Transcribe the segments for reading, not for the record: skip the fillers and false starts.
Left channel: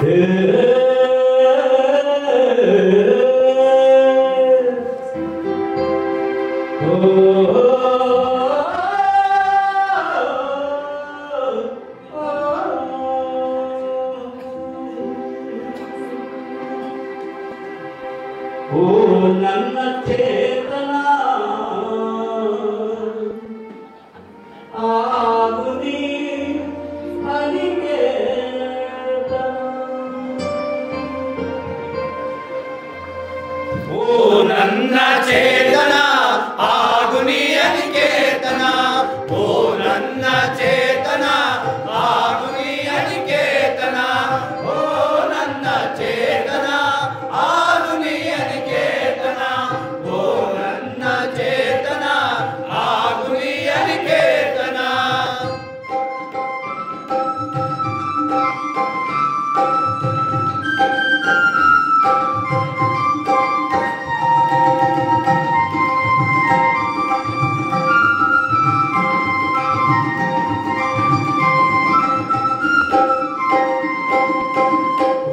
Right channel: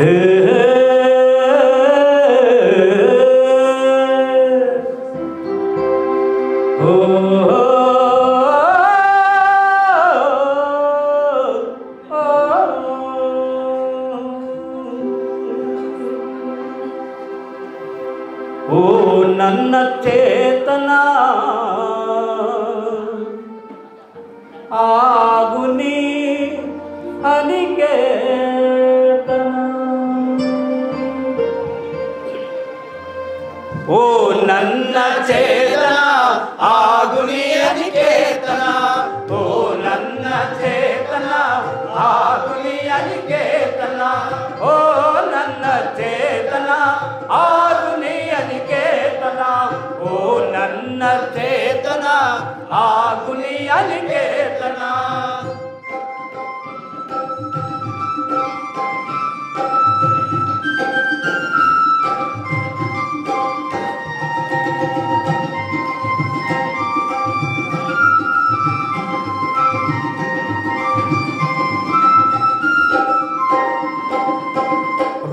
ಓ ನನ್ನ ಚೇತನ ಆಗು ನೀ ಅನಿಕೇತನ. ಓ ನನ್ನ ಚೇತನ ಆಗು ನೀ ಅನಿಕೇತನ. ಓ ನನ್ನ ಚೇತನ ಆಗು ನೀ ಅನಿಕೇತನ. ಓ ನನ್ನ ಚೇತನ ಆಗು ನೀ ಅನಿಕೇತನ. ಓ ನನ್ನ ಚೇತನ ಆಗು ನೀ ಅನಿಕೇತನ.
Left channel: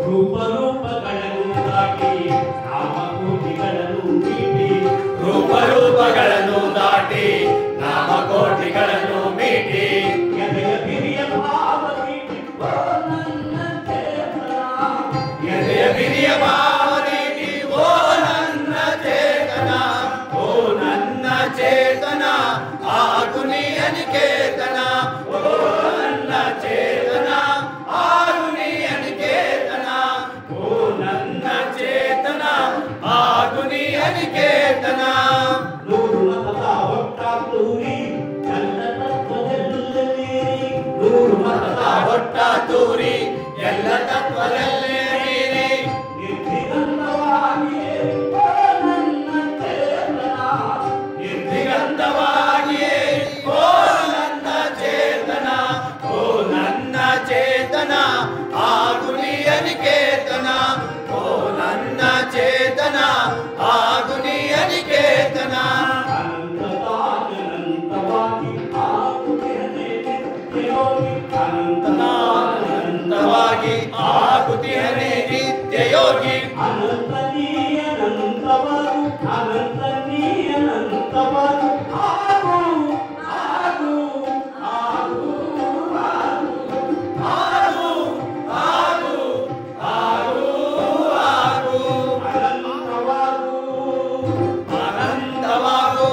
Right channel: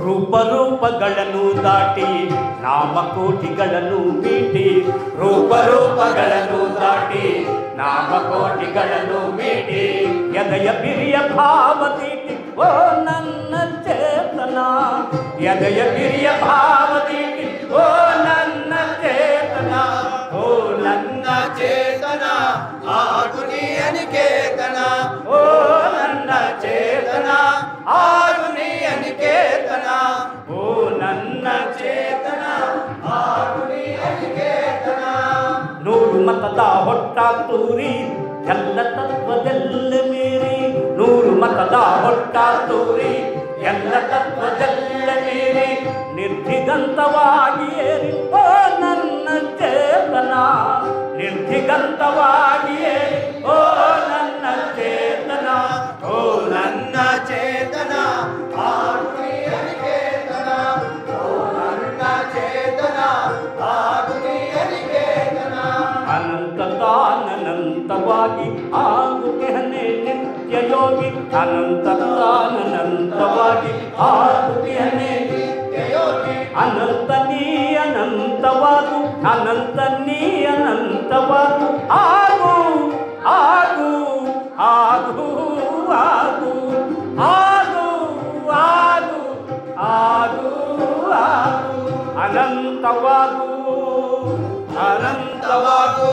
ರೂಪಗಳನ್ನು ದಾಟಿ ನಾಮಕೋಟಿಗಳನ್ನು ಮೀಟಿ. ರೂಪಗಳನ್ನು ದಾಟಿ ನಾಮಕೋಟಿಗಳನ್ನು ಮೀಟಿ. ಎದೆಯ ಬಿರಿಯ ಭಾವ ತೀಟಿ. ಓ ನನ್ನ ಚೇತನ ಎದೆಯ ಬಿರಿಯ ಭಾವ ತೀಟಿ. ಓ ನನ್ನ ಚೇತನ. ಓ ನನ್ನ ಚೇತನ ಆಗು ನೀ ಅನಿಕೇತನ. ಓ ನನ್ನ ಚೇತನ ಆಗು ನೀ ಅನಿಕೇತನ. ಓ ನನ್ನ ಚೇತನ ಆಗು ನೀ ಅನಿಕೇತನ. ನೂರು ಮತದ ಹೊಟ್ಟ ತೂರಿ ಎಲ್ಲ ತತ್ವದೆಲ್ಲ ಮೀರಿ. ನೂರು ಮತದ ಹೊಟ್ಟ ತೂರಿ ಎಲ್ಲ ತತ್ವದೆಲ್ಲ ಮೀರಿ. ನಿರ್ದಿಗಂತವಾಗಿ ಓ ನನ್ನ ಚೇತನ. ನಿರ್ದಿಗಂತವಾಗಿಯೇ ಓ ನನ್ನ ಚೇತನ. ಓ ನನ್ನ ಚೇತನ ಆಗು ನೀ ಅನಿಕೇತನ. ಓ ನನ್ನ ಚೇತನ ಆಗು ನೀ ಅನಿಕೇತನ. ಅನಂತತಾನಂತವಾಗಿ ಆಗುತ್ತಿಹನೆ ನಿತ್ಯ ಯೋಗಿ. ಅನಂತತಾನಂತವಾಗಿ ಆಗುತ್ತಿಹನೆ ನಿತ್ಯ ಯೋಗಿ. ಅನಂತ ನೀ ಅನಂತವಾಗು. ಅನಂತ ನೀ ಅನಂತವಾಗು. ಆಗು ಆಗು ಆಗು ಆಗು ಆಗು ಆಗು ಆಗು ಆಗು. ಅನಂತವಾಗು ಅನಂತವಾಗು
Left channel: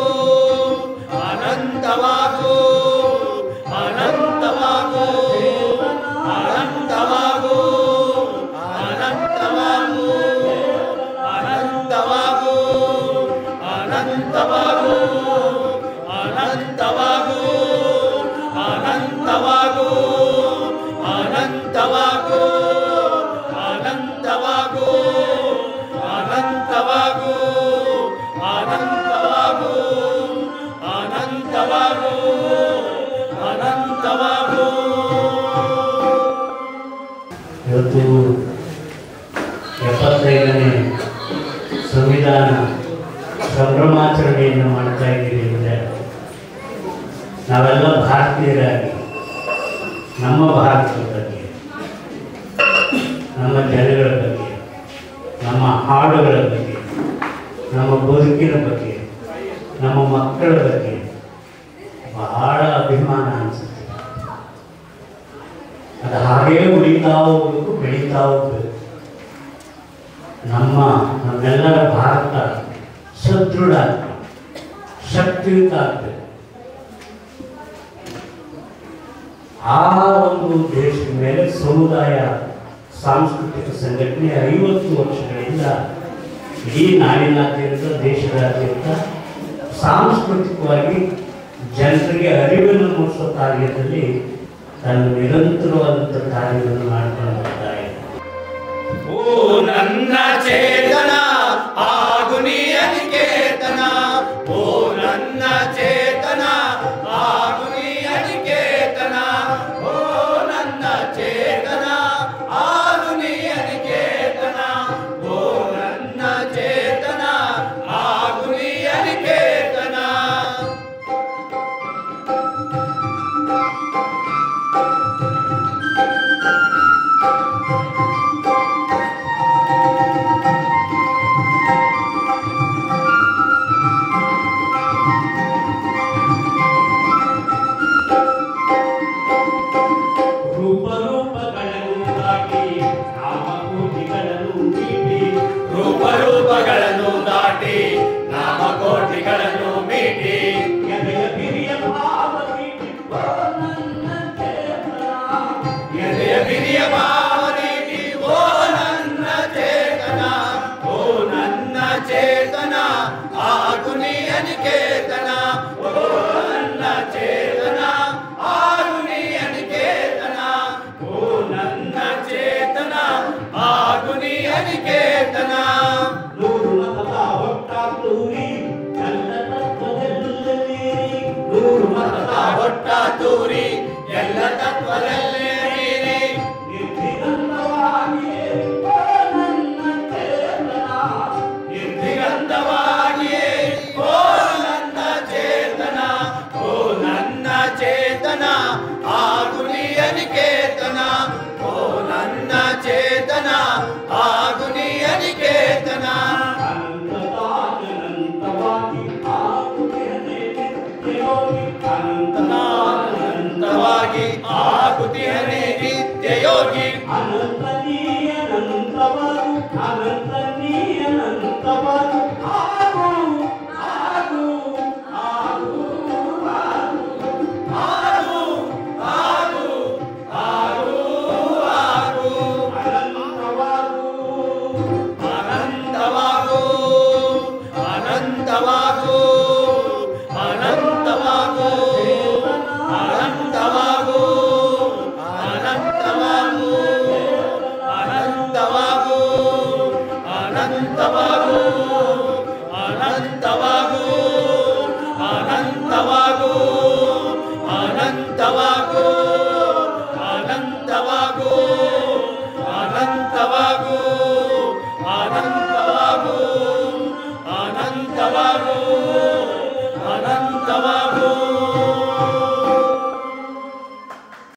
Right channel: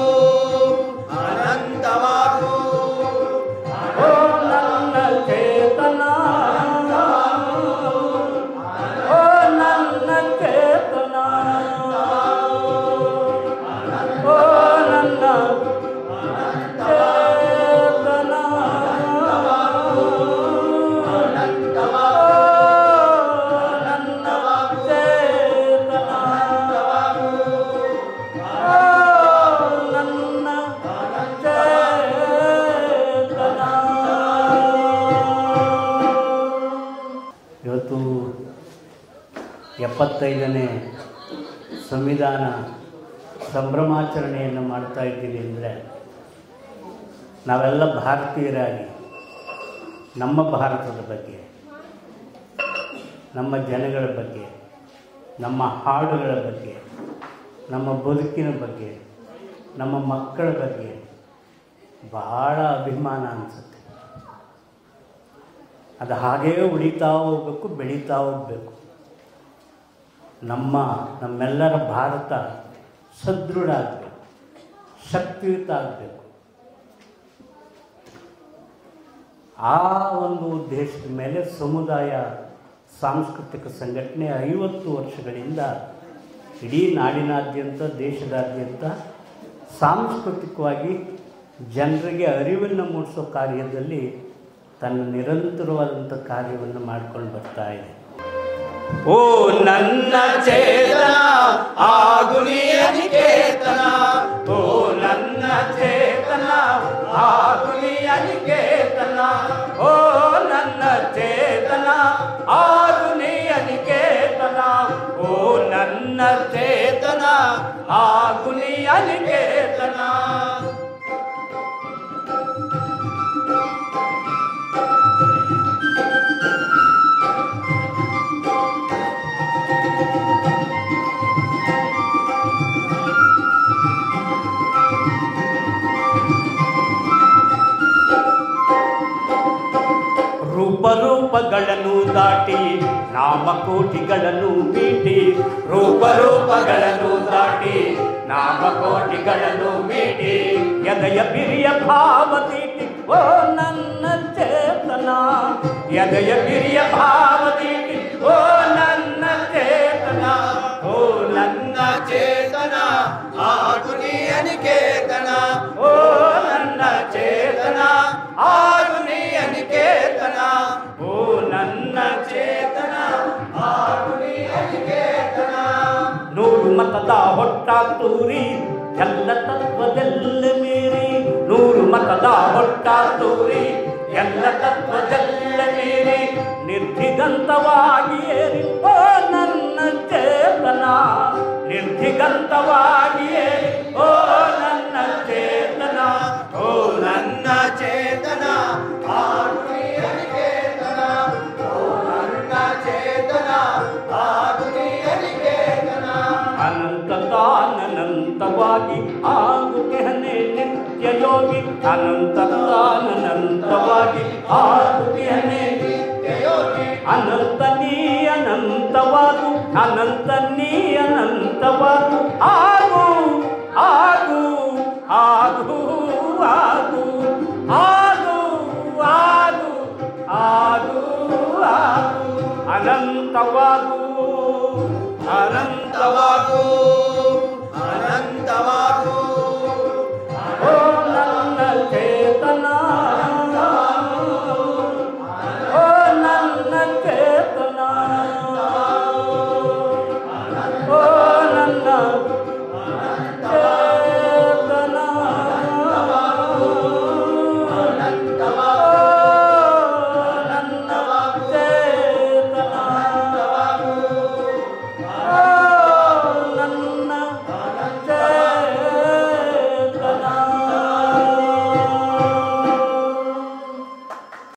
ಅನಂತವಾಗು ಅನಂತವಾಗು ಚೇತನ. ಅನಂತವಾಗು ಅನಂತವಾಗು ಚೇತನ. ಅನಂತವಾಗು ಅನಂತವಾಗು ಅನಂತವಾಗು ಅನಂತವಾಗು ಅನಂತವಾಗು ಅನಂತವಾಗು ಅನಂತವಾಗು ಅನಂತವಾಗು ಅನಂತವಾಗು. ಇವತ್ತು 75ನೇ ಸಂವಿಧಾನ ಸಂಭ್ರಮಾಚರಣೆಯನ್ನು ಮಾಡ್ತಾ ಇದ್ದೀವಿ ಅಂದರೆ ನಾವೆಲ್ಲ ಭಾರತೀಯರಾಗಿ ನಮ್ಮ ಭಾರತದ ಬಗ್ಗೆ, ನಮ್ಮ ಜನಗಳ ಬಗ್ಗೆ, ನಮ್ಮ ಹಾಡುಗಳ ಬಗ್ಗೆ, ನಮ್ಮ ಬದುಕಿನ ಬಗ್ಗೆ, ನಮ್ಮ ಮಕ್ಕಳ ಬಗ್ಗೆ ಬಹಳ ಅಭಿಮಾನ ಅನಿಸುತ್ತೆ. ಅದು ಹಾಗೇ ಉಳಿತಾ ಹೋಗ್ಬೇಕು, ಬೆಳೀತಾ ಹೋಗ್ಬೇಕು. ನಮ್ಮೆಲ್ಲರ ಭಾರತ ಸದೃಢ ಆಗ್ಬೇಕು, ಶಕ್ತಿಯುತ ಆಗ್ಬೇಕು. ಆ ಒಂದು ದೇಶದ ಮೇಲೆ ಸಮುದಾಯ ಸಾಂಸ್ಕೃತಿಕ ಸಂಘಟನೆ 50 ವರ್ಷಗಳಿಂದ ಇಡೀ ನಾಡಿನಾದ್ಯಂತ, ದೇಶದಾದ್ಯಂತ ಸಾಂಸ್ಕೃತಿಕವಾಗಿ ಜನರಿಗೆ ಅರಿವನ್ನು ಮೂಡಿಸುವ ಕಾರ್ಯದಲ್ಲಿ ತಾನು ನಿರಂತರವಾದಂಥ ಕಾರ್ಯವನ್ನು ಮಾಡಿಕೊಂಡು ಬರ್ತಾರೆ. ಓ ನನ್ನ ಚೇತನ ಆಗು ನೀ ಅನಿಕೇತನ. ಓ ನನ್ನ ಚೇತನ ಆಗು ನೀ ಅನಿಕೇತನ. ಓ ನನ್ನ ಚೇತನ ಆಗು ನೀ ಅನಿಕೇತನ. ಓ ನನ್ನ ಚೇತನ ಆಗು ನೀ ಅನಿಕೇತನ. ನಾಮಕೋಟಿಗಳನ್ನು ಮೀಟಿ ರೂಪಗಳನ್ನು ದಾಟಿ ನಾಮಕೋಟಿಗಳನ್ನು ಮೀಟಿ ಎದೆಯ ಬಿರಿಯ ಭಾವ ತೀಟಿ ಓ ನನ್ನ ಚೇತನ ಎದೆಯ ಬಿರಿಯ ಭಾವ ತೀಟಿ ಓ ನನ್ನ ಚೇತನ ಓ ನನ್ನ ಚೇತನ ಆಗುನಿಯ ನಿಕೇತನ ಓ ನನ್ನ ಚೇತನ ಆಗುನಿಯ ನಿಕೇತನ ಓ ನನ್ನ ಚೇತನ ಆಗುನಿಯ ನಿಕೇತನ ನೂರು ಮತದ ಹೊಟ್ಟ ತೂರಿ ಎಲ್ಲ ತತ್ವದೆಲ್ಲ ಮೀರಿ ನೂರು ಮತದ ಹೊಟ್ಟ ತೂರಿ ಎಲ್ಲ ತತ್ವದೆಲ್ಲ ಮೀರಿ ನಿರ್ಧಿಗಂತವಾಗಿ ಓ ನನ್ನ ಚೇತನ ನಿರ್ಧಿಗಂತವಾಗಿ